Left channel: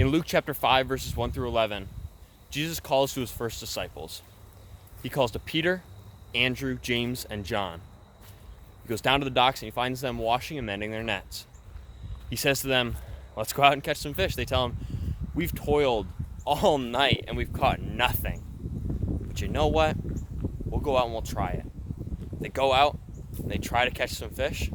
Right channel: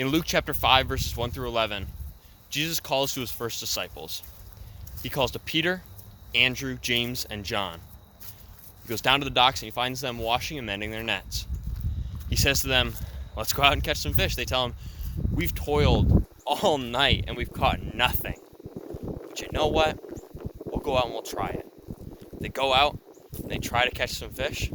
In Luke chapter 5, verses 1 through 11, Jesus calls to his first disciples. He calls to Peter, Andrew, James, and John. He goes down to the docks and he finds them washing and mending their nets. He says to them, "Let's go out and catch some fish." They tell him, "We've toiled all night and we've caught nothing. But you know what? We'll go out and we'll try it." They go out and they try to catch some fish,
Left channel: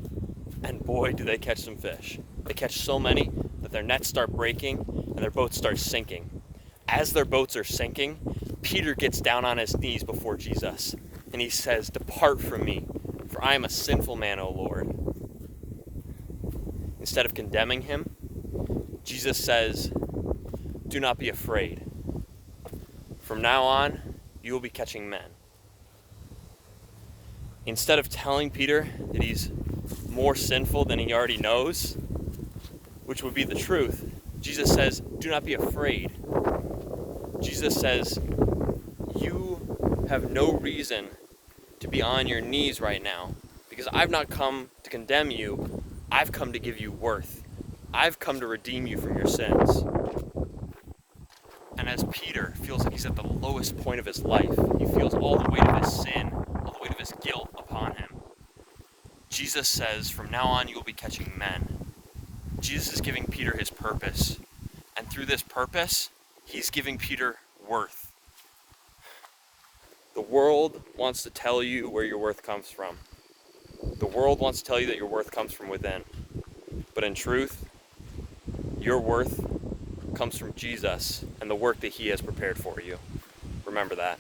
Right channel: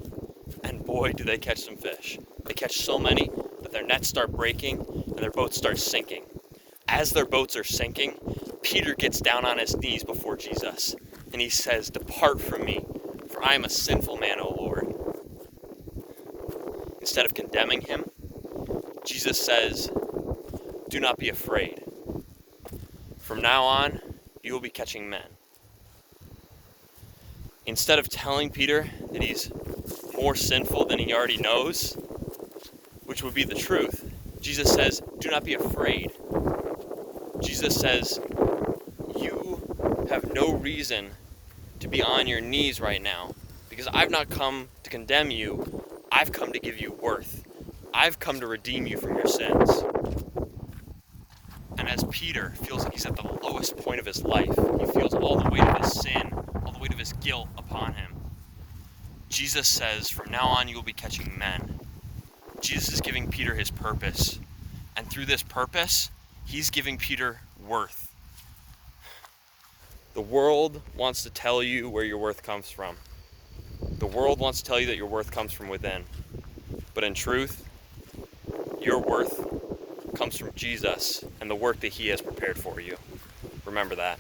and boy, do they catch some fish. They catch so many that their nets start breaking and their boats start sinking. As their boats are sinking, Peter gets down on his knees before Jesus, and he says, "Depart from me, for I am a sinful man, O Lord." Instead of condemning him, Jesus says, "Do not be afraid. From now on, you will be catching men." Instead of telling Peter that he's more sinful than he already knows, which would be the truth, Jesus says, "Do not be afraid." Jesus says, "You have no reason to be on your knees right now, because I've not come to condemn you. I've come to give you worth. I've come to redeem you from your sins." And as Peter feels like he's at the lowest point of his life, he feels all the weight of his sin, all the weight of his guilt upon him, Jesus says, "From now on you will be catching men." Jesus is giving Peter his purpose, and through this purpose, he's giving Peter worth. The world wants to tell you where your worth comes from. The world wants to tell you that your worth comes from within. But in truth, your worth comes from Jesus and the work that he has prepared for you. Remember that.